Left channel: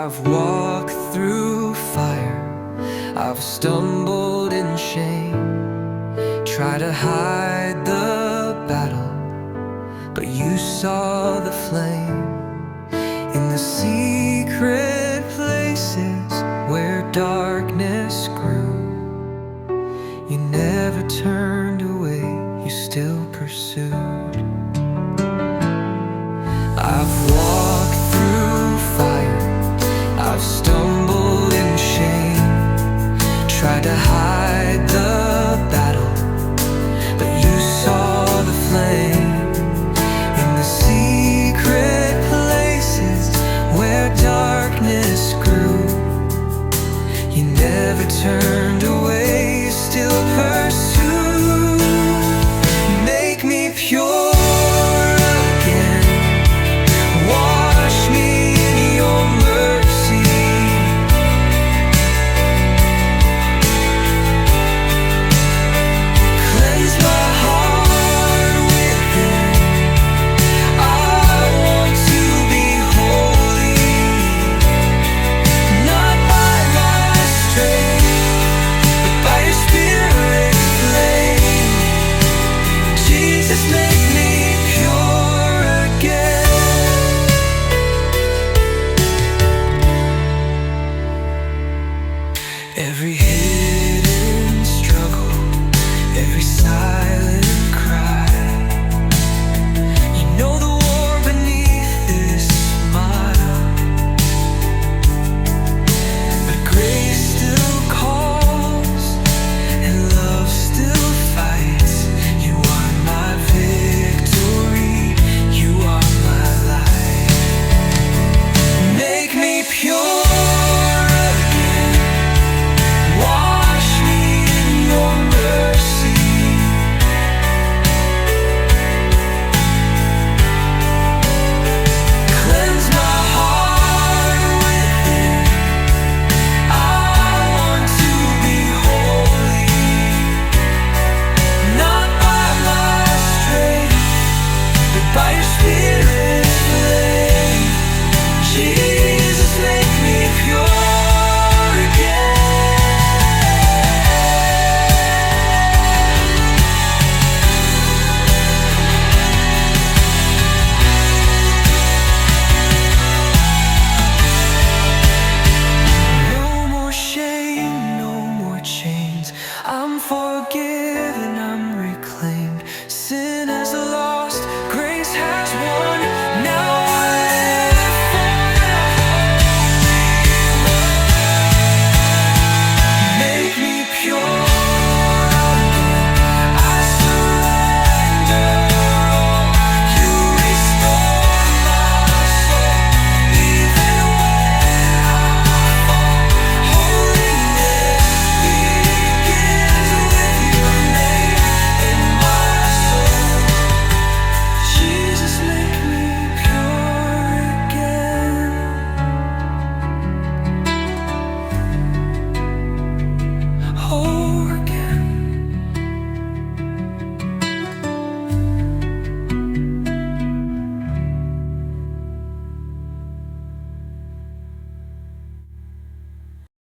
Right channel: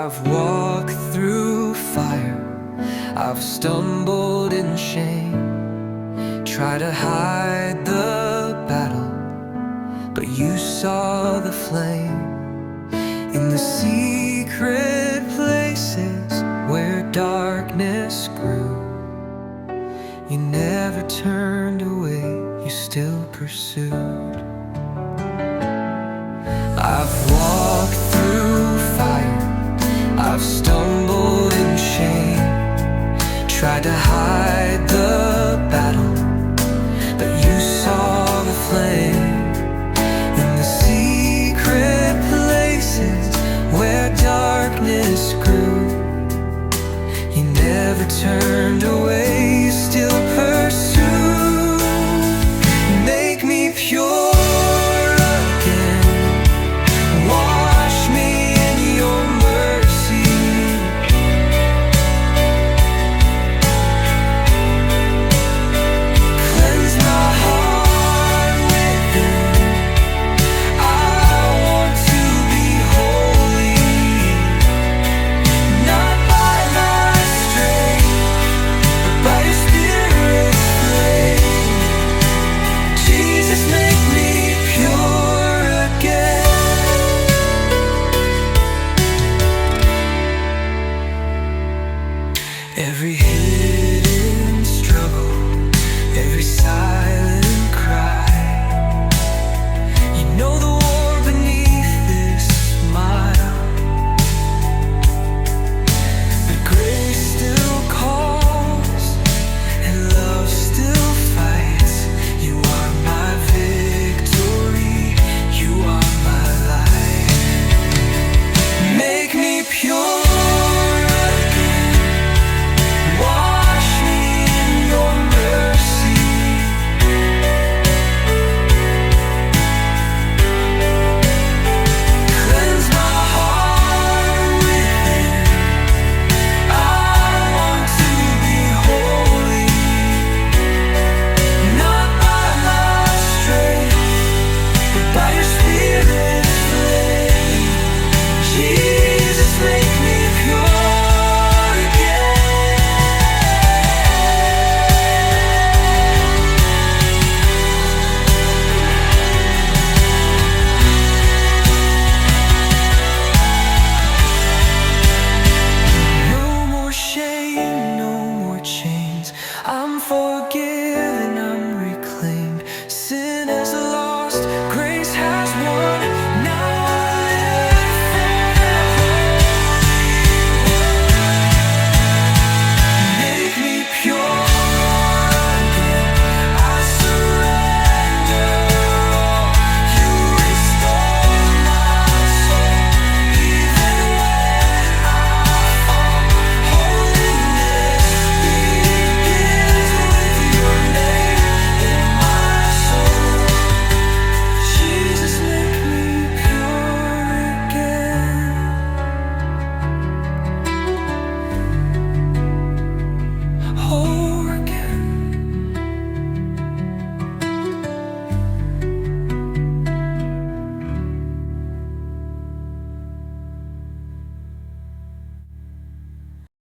I've walked through fire, I've stumbled in shame, try to hide the battle, but you saw the flame. In the secret places where darkness grew, you never turned away, you still pursued. I've walked through fire, I've stumbled in shame, tried to hide the battle, but you saw the flame. In the secret places where darkness grew, you never turned away, you still pursued. Make me pure again, wash me in your mercy. Cleanse my heart within, I want to be holy, not by my strength, but by your Spirit's flame. Jesus, make me pure again. Every hidden struggle, every silent cry, you know the war beneath this smile. But grace still calls and love still fights. You are my victory, you are my life. Make me pure again, wash me in your mercy. Cleanse my heart within, I want to be holy, not by my strength, but by your Spirit's flame. Jesus, make me pure again. No more shame, no more chains. I'm forgiven, I'm reclaimed. Sin